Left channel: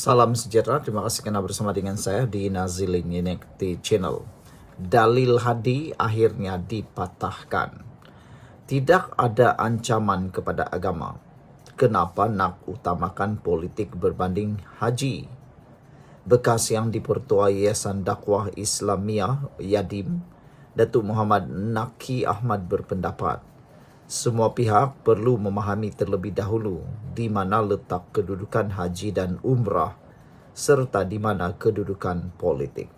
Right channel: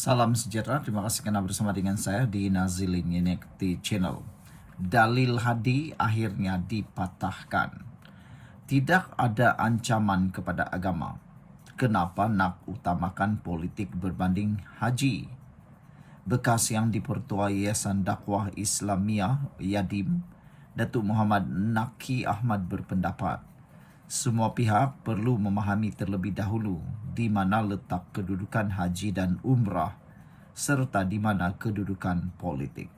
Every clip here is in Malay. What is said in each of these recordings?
Salam sejahtera, terima kasih karena bersama dengan saya di Nazilin Unity Channel. Dalil Hadi akhirnya dipatahkan. Tidak ada ancaman kepada agama. Kenapa nak utamakan politik berbanding haji? Bekas yang dipertua Yayasan Dakwah Islamiyah Yadim, Datuk Muhammad Naki Ahmad berpendapat, semua pihak perlu memahami terlebih dahulu di mana letak kedudukan haji dan umrah serta di mana kedudukan politik.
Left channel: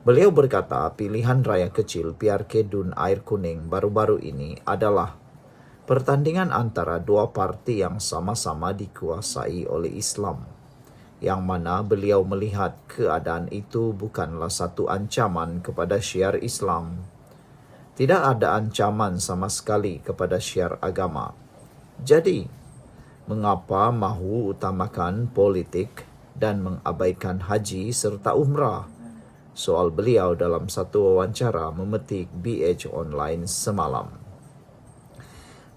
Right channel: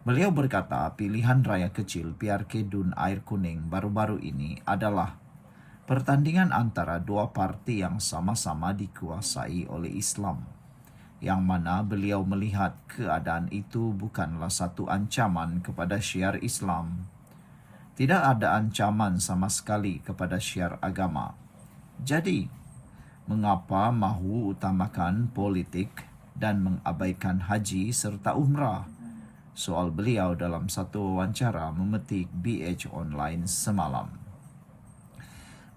Beliau berkata pilihan raya kecil PRK Dun Air Kuning baru-baru ini adalah pertandingan antara dua parti yang sama-sama dikuasai oleh Islam, yang mana beliau melihat keadaan itu bukanlah satu ancaman kepada syiar Islam. Tidak ada ancaman sama sekali kepada syiar agama. Jadi, mengapa mahu utamakan politik dan mengabaikan haji serta umrah? Soal beliau dalam satu wawancara memetik BH Online semalam.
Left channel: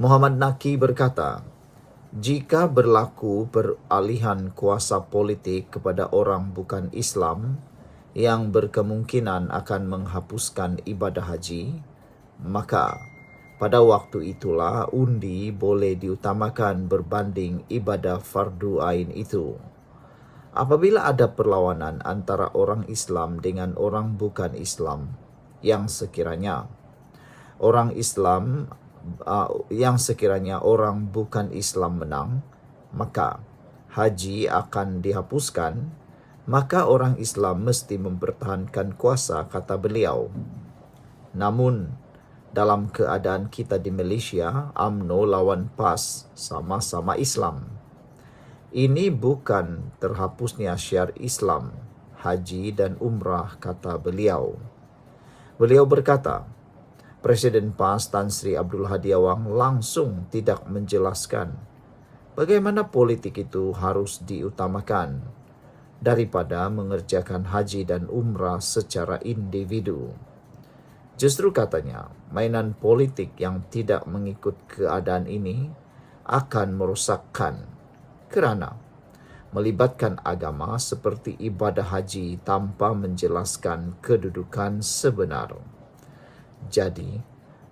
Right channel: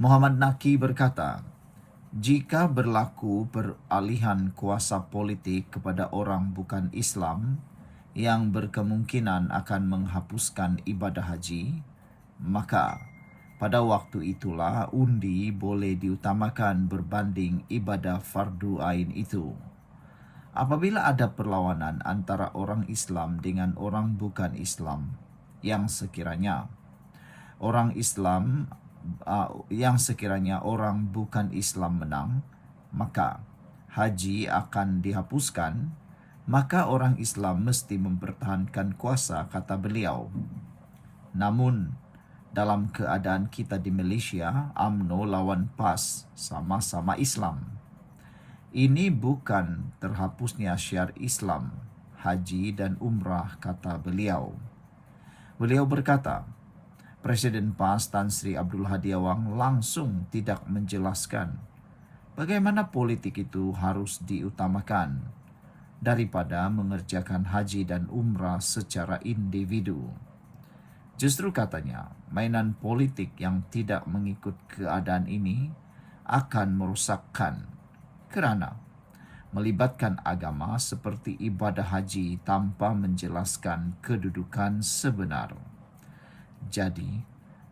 Muhammad Naki berkata, jika berlaku peralihan kuasa politik kepada orang bukan Islam yang berkemungkinan akan menghapuskan ibadah haji, maka pada waktu itulah undi boleh diutamakan berbanding ibadah fardu ain itu. Apabila ada perlawanan antara orang Islam dengan orang bukan Islam, yang sekiranya orang bukan Islam menang, maka haji akan dihapuskan, maka orang Islam mesti mempertahankan kuasa, kata beliau. Namun, dalam keadaan kita di Malaysia, UMNO lawan PAS sama-sama Islam. Ini bukan terhapusnya syiar Islam, haji dan umrah, kata beliau. Beliau berkata, Presiden PAS Tan Sri Abdul Hadi Awang langsung tidak menjelaskan bagaimana politik itu harus diutamakan daripada mengerjakan haji dan umrah secara individu. Justru katanya, mainan politik yang tidak mengikut keadaan ini akan merosakkan kerana melibatkan agama seperti ibadah haji tanpa menjelaskan kedudukan sebenar. Jadi,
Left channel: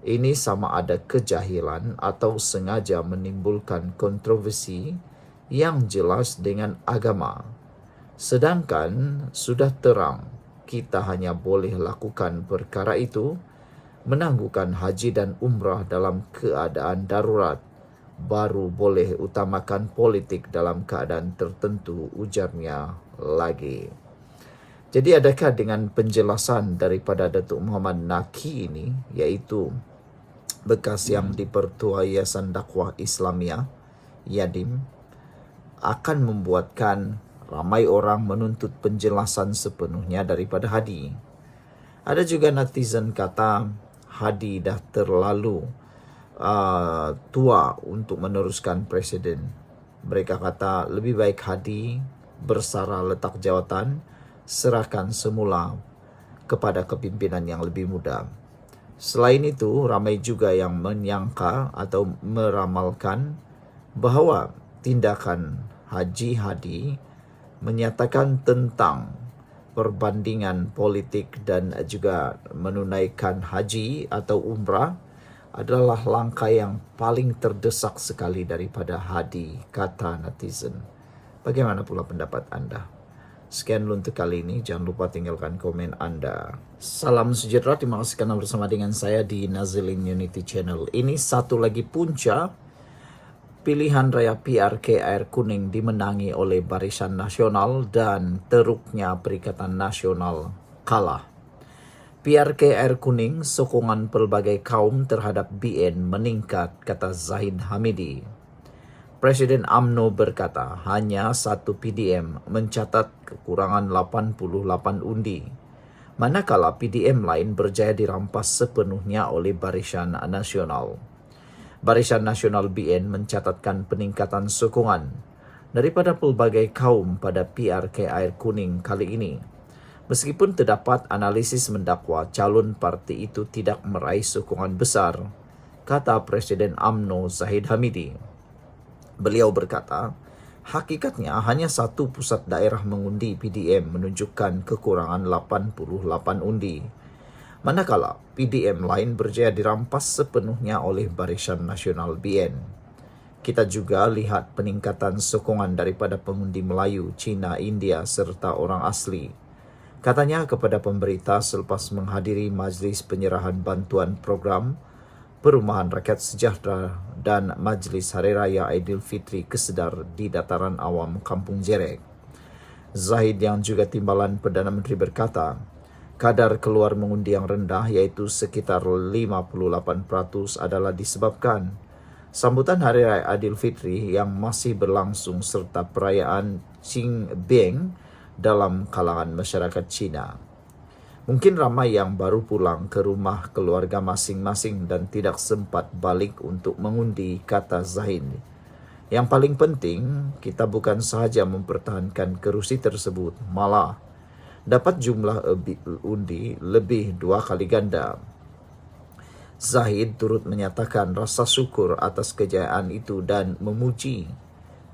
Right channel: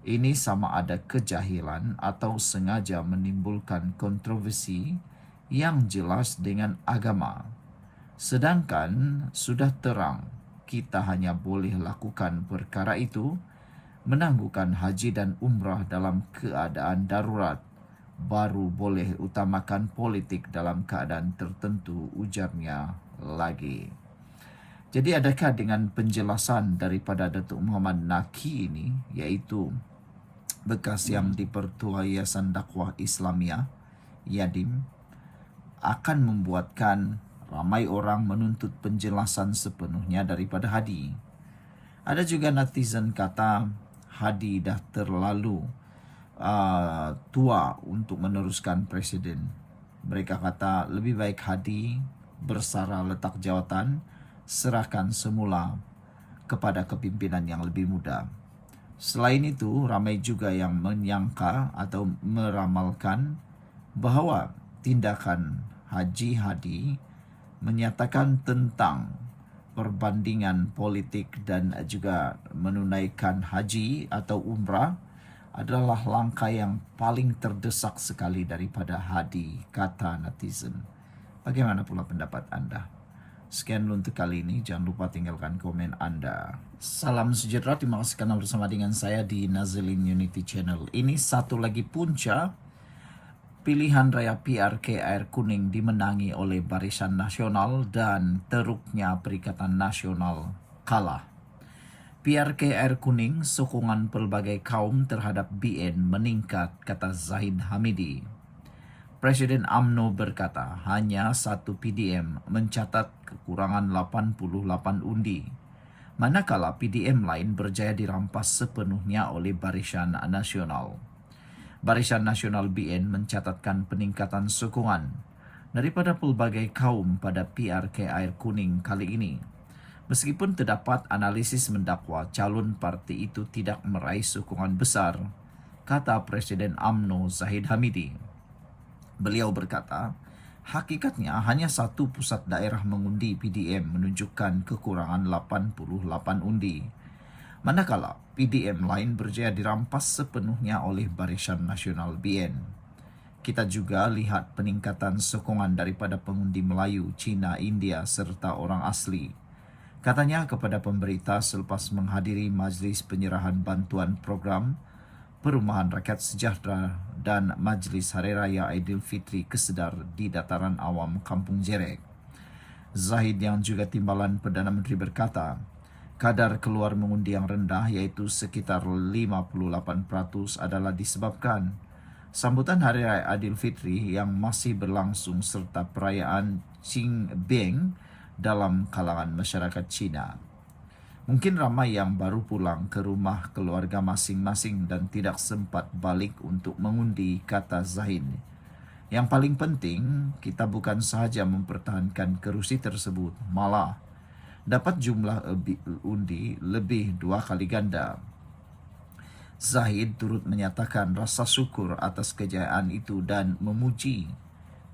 ini sama ada kejahilan atau sengaja menimbulkan kontroversi yang jelas dengan agama. Sedangkan sudah terang kita hanya boleh lakukan perkara itu, menangguhkan haji dan umrah dalam keadaan darurat, baru boleh utamakan politik dalam keadaan tertentu, ujarnya lagi. Jadi adakah dengan penjelasan daripada Datuk Muhammad Naki ini, iaitu bekas yang dipertua Yayasan Dakwah Islamiyah Yadim, akan membuatkan ramai orang menuntut penjelasan sepenuhnya daripada Hadi? Ada juga netizen kata Hadi dah terlalu tua untuk meneruskan presiden. Mereka kata lebih baik Hadi bersara letak jawatan, serahkan semula kepada kepimpinan yang lebih muda. Selain itu, ramai juga yang menyangka atau meramalkan bahawa tindakan Haji Hadi menyatakan tentang perbandingan politik dan juga menunaikan haji atau umrah adalah langkah yang paling terdesak sekali daripada Hadi, kata netizen. Bagaimana pula pendapat anda? Sekian dulu untuk kali ini, jangan lupa tinggalkan komen anda. Salam sejahtera, terima kasih karena bersama dengan saya di Nazilin Unity Channel. Ini satu lagi punca pilihan raya PRK Air Kuning dimenangi oleh Barisan Nasional dan teruknya Perikatan Nasional kalah. PRK Air Kuning, sokongan pelbagai kaum terhadap BN meningkat, kata Zahid Hamidi. Presiden UMNO berkata hanya satu PDM mencatat kekurangan 88 undi, manakala PDM lain berjaya dirampas sepenuhnya oleh Barisan Nasional. Barisan Nasional BN mencatatkan peningkatan sokongan daripada pelbagai kaum pada PRK Air Kuning kali ini. Meskipun terdapat analisis mendakwa calon parti itu tidak meraih sokongan besar, kata Presiden UMNO Zahid Hamidi. Beliau berkata, Hakikatnya hanya satu pusat daerah mengundi PDM menunjukkan kekurangan 88 undi. Manakala PDM lain berjaya dirampas sepenuhnya oleh Barisan Nasional BN. Kita juga lihat peningkatan sokongan daripada pengundi Melayu, Cina, India serta orang asli. Katanya kepada pemberita selepas menghadiri majlis penyerahan bantuan program Perumahan Rakyat Sejahtera dan Majlis Hari Raya Aidilfitri Kesedar di Dataran Awam Kampung Jerek. Zahid yang juga timbalan Perdana Menteri berkata, kadar keluar mengundi yang rendah iaitu sekitar 58% adalah disebabkan sambutan Hari Raya Aidilfitri yang masih berlangsung serta perayaan Qingming dalam kalangan masyarakat Cina. Mungkin ramai yang baru pulang ke rumah keluarga masing-masing dan tidak sempat balik untuk mengundi, kata Zahid. Yang paling penting, kita bukan sahaja mempertahankan kerusi tersebut, malah dapat jumlah undi lebih 2 kali ganda. Zahid turut menyatakan rasa syukur atas kejayaan itu dan memuji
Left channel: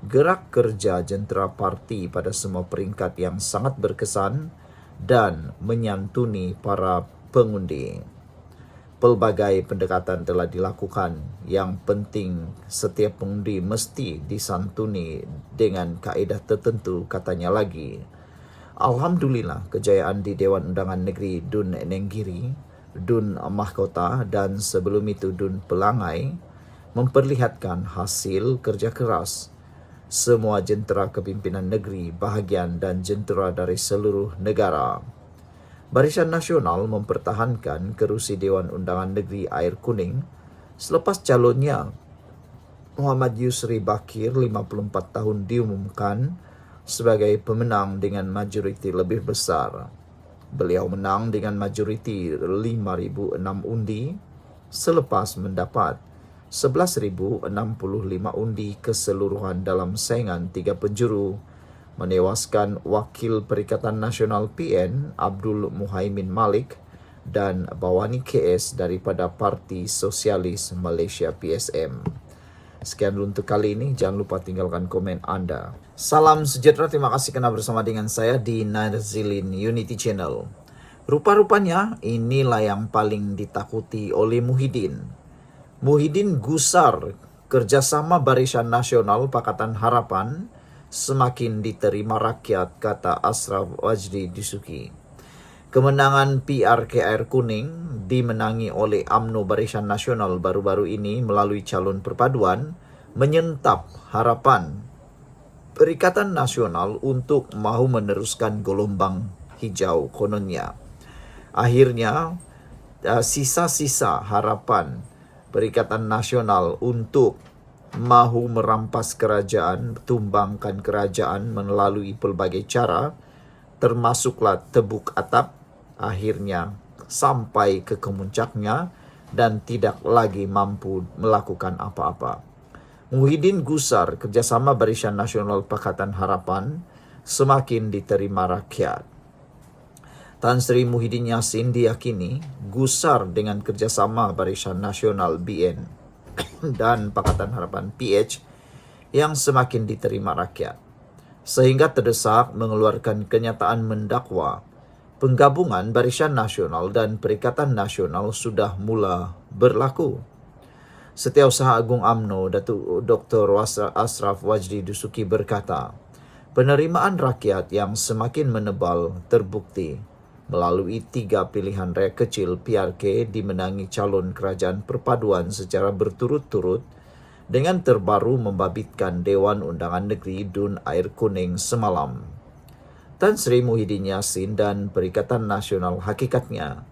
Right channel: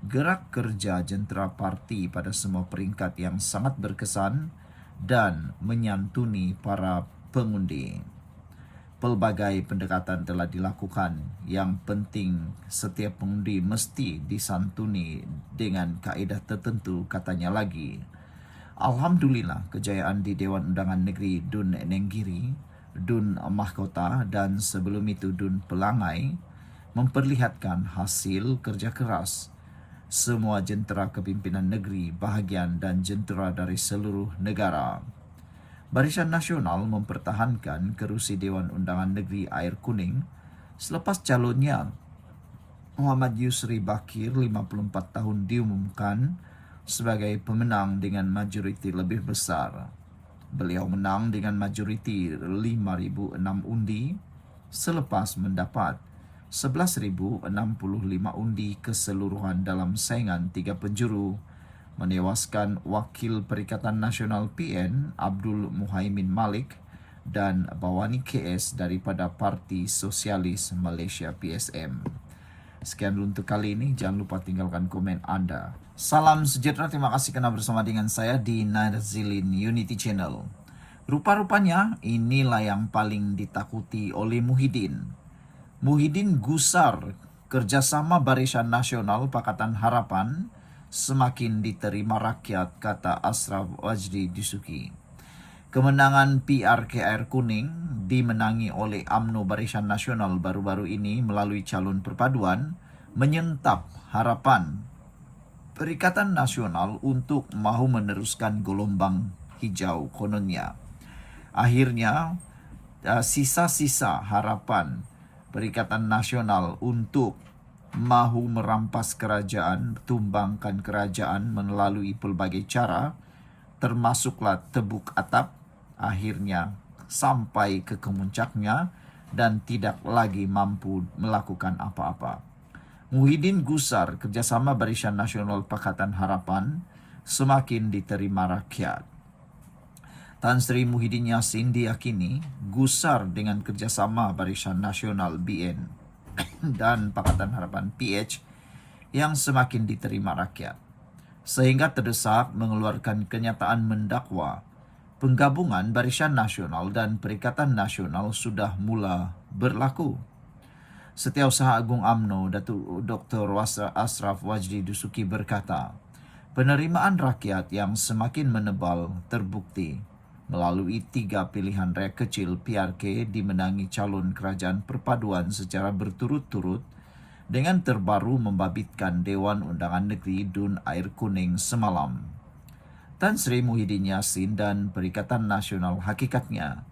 gerak kerja jentera parti pada semua peringkat yang sangat berkesan dan menyantuni para pengundi. Pelbagai pendekatan telah dilakukan. Yang penting, setiap pengundi mesti disantuni dengan kaedah tertentu, katanya lagi. Alhamdulillah, kejayaan di Dewan Undangan Negeri Dun Nenggiri, Dun Mahkota dan sebelum itu Dun Pelangai memperlihatkan hasil kerja keras semua jentera kepimpinan negeri, bahagian dan jentera dari seluruh negara. Barisan Nasional mempertahankan kerusi Dewan Undangan Negeri Air Kuning selepas calonnya Muhammad Yusri Bakir 54 tahun diumumkan sebagai pemenang dengan majoriti lebih besar. Beliau menang dengan majoriti 5.006 undi selepas mendapat 11.065 undi keseluruhan dalam saingan 3 penjuru, menewaskan Wakil Perikatan Nasional PN Abdul Muhaimin Malik dan Bawani KS daripada Parti Sosialis Malaysia PSM. Sekian untuk kali ini, jangan lupa tinggalkan komen anda. Salam sejahtera, terima kasih kerana bersama dengan saya di Nazilin Unity Channel. Rupa-rupanya inilah yang paling ditakuti oleh Muhyiddin. Muhyiddin gusar kerjasama Barisan Nasional Pakatan Harapan semakin diterima rakyat, kata Ashraf Wajdi Dusuki. Kemenangan PRK Air Kuning dimenangi oleh UMNO Barisan Nasional baru-baru ini melalui calon perpaduan menyentap harapan Perikatan Nasional untuk mahu meneruskan gelombang hijau kononnya. Akhirnya, sisa-sisa harapan Perikatan Nasional untuk mahu merampas kerajaan, tumbangkan kerajaan melalui pelbagai cara, termasuklah tebuk atap, akhirnya sampai ke kemuncaknya dan tidak lagi mampu melakukan apa-apa. Muhyiddin gusar kerjasama Barisan Nasional Pakatan Harapan semakin diterima rakyat. Tan Sri Muhyiddin Yassin diyakini gusar dengan kerjasama Barisan Nasional BN dan Pakatan Harapan PH yang semakin diterima rakyat, sehingga terdesak mengeluarkan kenyataan mendakwa penggabungan Barisan Nasional dan Perikatan Nasional sudah mula berlaku. Setiausaha Agung UMNO Datuk Dr. Ashraf Wajdi Dusuki berkata, penerimaan rakyat yang semakin menebal terbukti melalui 3 pilihan raya kecil PRK dimenangi calon kerajaan perpaduan secara berturut-turut dengan terbaru membabitkan Dewan Undangan Negeri Dun Air Kuning semalam. Tan Sri Muhyiddin Yassin dan Perikatan Nasional hakikatnya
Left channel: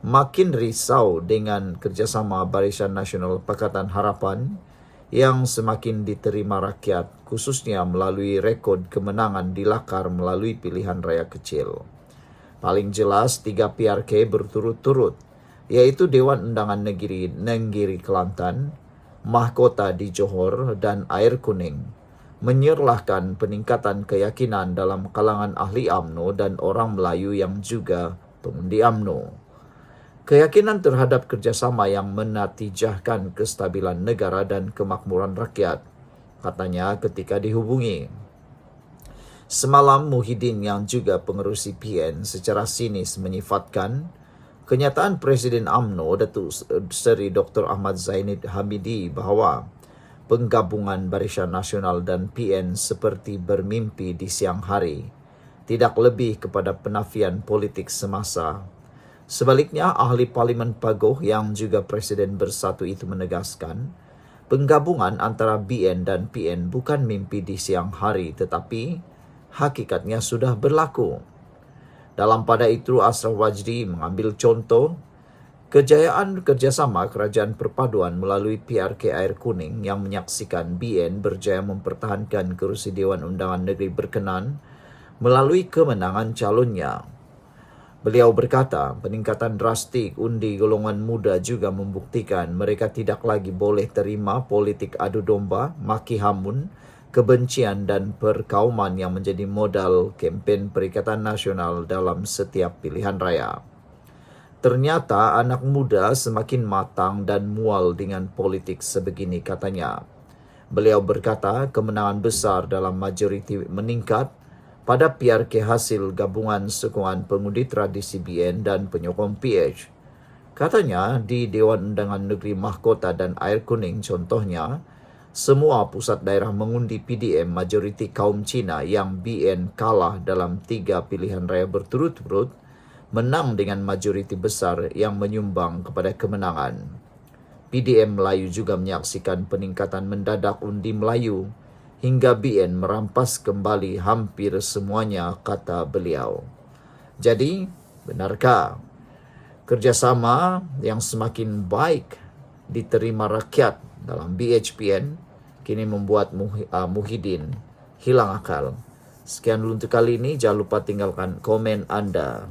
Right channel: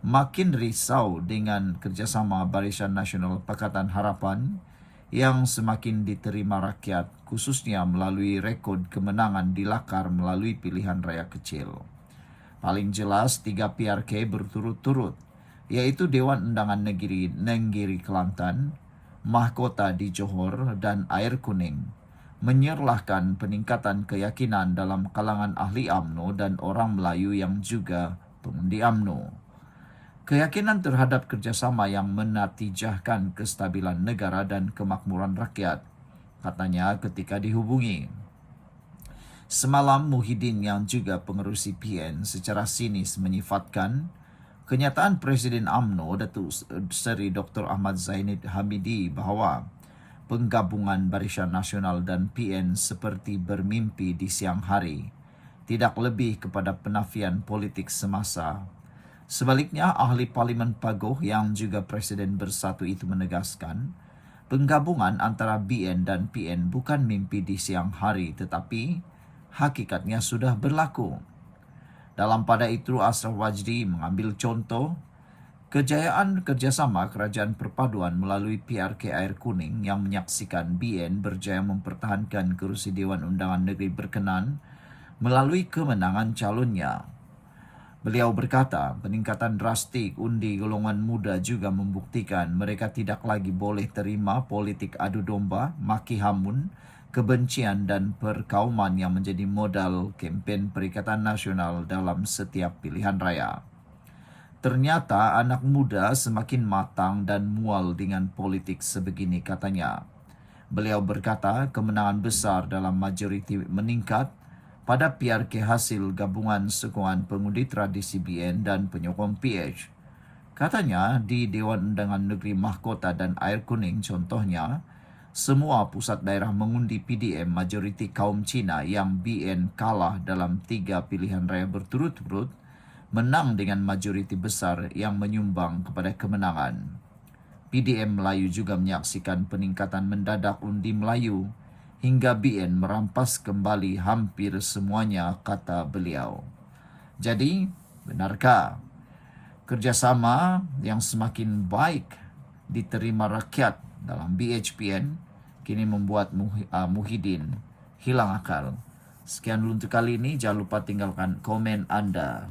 makin risau dengan kerjasama Barisan Nasional Pakatan Harapan yang semakin diterima rakyat, khususnya melalui rekod kemenangan di Lakar melalui pilihan raya kecil. Paling jelas 3 PRK berturut-turut, yaitu Dewan Undangan Negeri Nenggiri Kelantan, Mahkota di Johor dan Air Kuning, menyerlahkan peningkatan keyakinan dalam kalangan ahli UMNO dan orang Melayu yang juga pengundi UMNO. Keyakinan terhadap kerjasama yang menatijahkan kestabilan negara dan kemakmuran rakyat, katanya ketika dihubungi. Semalam Muhyiddin yang juga pengerusi PN secara sinis menyifatkan kenyataan Presiden UMNO Datuk Seri Dr. Ahmad Zainud Hamidi bahawa penggabungan Barisan Nasional dan PN seperti bermimpi di siang hari, tidak lebih kepada penafian politik semasa. Sebaliknya, ahli Parlimen Pagoh yang juga Presiden Bersatu itu menegaskan, penggabungan antara BN dan PN bukan mimpi di siang hari tetapi hakikatnya sudah berlaku. Dalam pada itu, Ashraf Wajdi mengambil contoh kejayaan kerjasama Kerajaan Perpaduan melalui PRK Air Kuning yang menyaksikan BN berjaya mempertahankan kerusi Dewan Undangan Negeri berkenan melalui kemenangan calonnya. Beliau berkata, peningkatan drastik undi golongan muda juga membuktikan mereka tidak lagi boleh terima politik adu domba, maki hamun, kebencian dan perkauman yang menjadi modal kempen Perikatan Nasional dalam setiap pilihan raya. Ternyata anak muda semakin matang dan mual dengan politik sebegini, katanya. Beliau berkata kemenangan besar dalam majoriti meningkat pada PRK hasil gabungan sokongan pengundi tradisi BN dan penyokong PH. Katanya di Dewan Undangan Negeri Mahkota dan Air Kuning contohnya, semua pusat daerah mengundi PDM majoriti kaum Cina yang BN kalah dalam 3 pilihan raya berturut-turut, menang dengan majoriti besar yang menyumbang kepada kemenangan. PDM Melayu juga menyaksikan peningkatan mendadak undi Melayu hingga BN merampas kembali hampir semuanya, kata beliau. Jadi, benarkah kerjasama yang semakin baik diterima rakyat dalam BHPN kini membuat Muhyiddin hilang akal? Sekian dulu untuk kali ini. Jangan lupa tinggalkan komen Anda.